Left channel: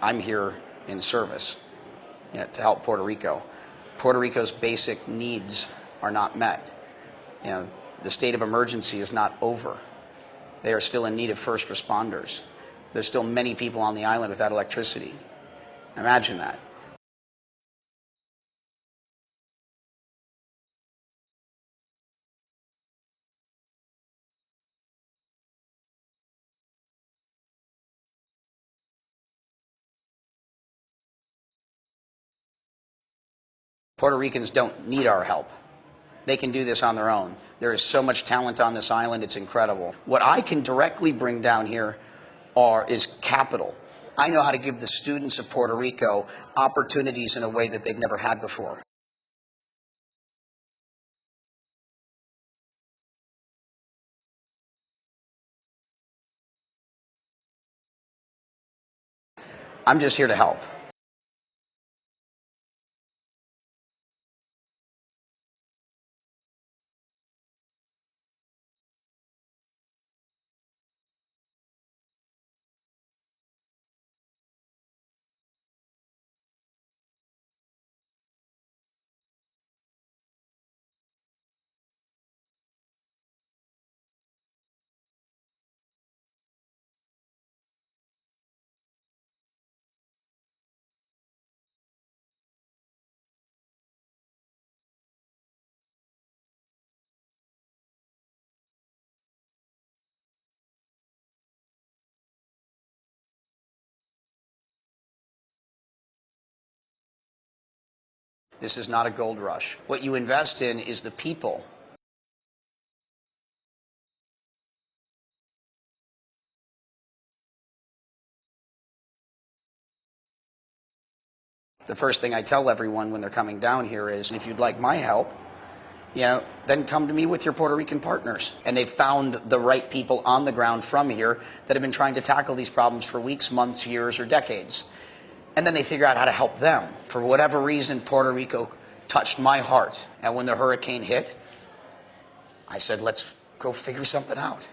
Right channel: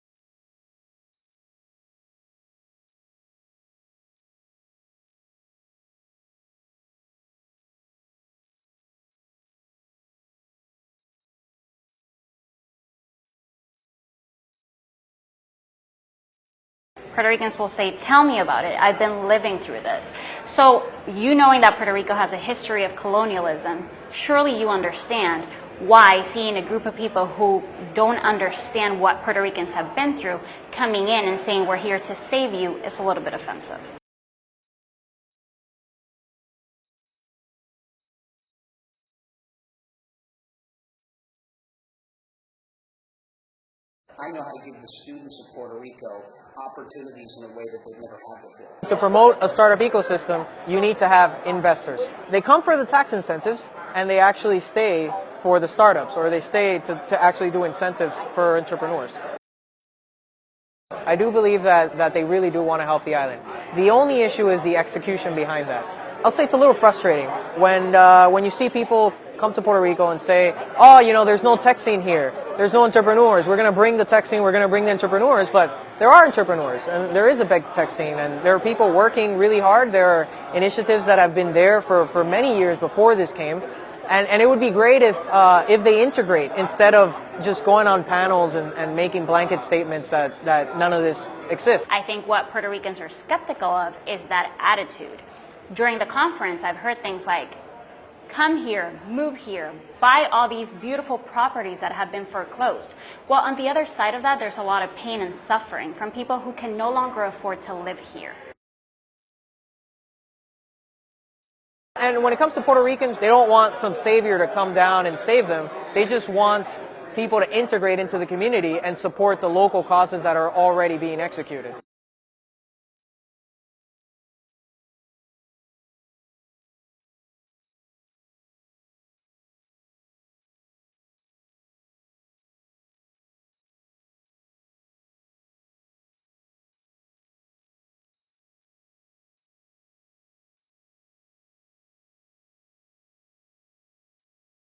I'm here in service, to help Puerto Rico. Puerto Rico's basic needs are not met. The state of emergency is not over. They are still in need of first responders. There's still many people on the island without electricity. Imagine that. Puerto Ricans will say, tell me about it. I've been living through this. So you knowing that Puerto Rico has a history of colonialism, surely you understand why seeing a group of people who don't understand what Puerto Ricans have been through coming in and saying we're here to save you is a little bit offensive. Puerto Ricans don't need our help. They can do this on their own. There is so much talent on this island, it's incredible. What I can directly bring down here is capital. I know how to give the students of Puerto Rico opportunities in a way that they've never had before. To promote a startup ecosystem, you need to have investors. They come for the tax incentives, and they actually stay for the startups, or they stay to actually do incentives for entrepreneurs. I'm just here to help. I do believe that they really do want to help the island. The only issue is the execution behind that. I'll say it's a little frustrating when you see people come to Puerto Rico and say, oh, there's no tech scene here. There's no entrepreneurs. We're going to bring the tech scene. We're going to bring the entrepreneurs. But there are entrepreneurs, and there is a big tech scene, and there are people working really hard. There are initiatives that have been there for many years before this came. And it would be great if they integrate instead of just going on panels and making blanket statements that none of this exists. I think what Puerto Ricans are skeptical of is that attitude. During the conference, I've heard things like, come here, move here, buy all these beautiful properties that have been foreclosed. Well, on the other side of that, there's a lot of pain and suffering from people who can no longer afford to live here. This is not a gold rush. What you invest in is the people. And when it comes to Puerto Ricans, they don't want some savior to come down and save them. They just want people to integrate into the community and support the local causes that are already being executed. The first thing I tell everyone when they're coming down here is, if you'd like my help, then come to me with your Puerto Rican partners. And they've found the right people on the ground from here that have been trying to tackle these problems for weeks, months, years, or decades. And then they figure out how to help them. For whatever reason, Puerto Rico touched my heart. And when the hurricane hit, I said, let's go figure something out.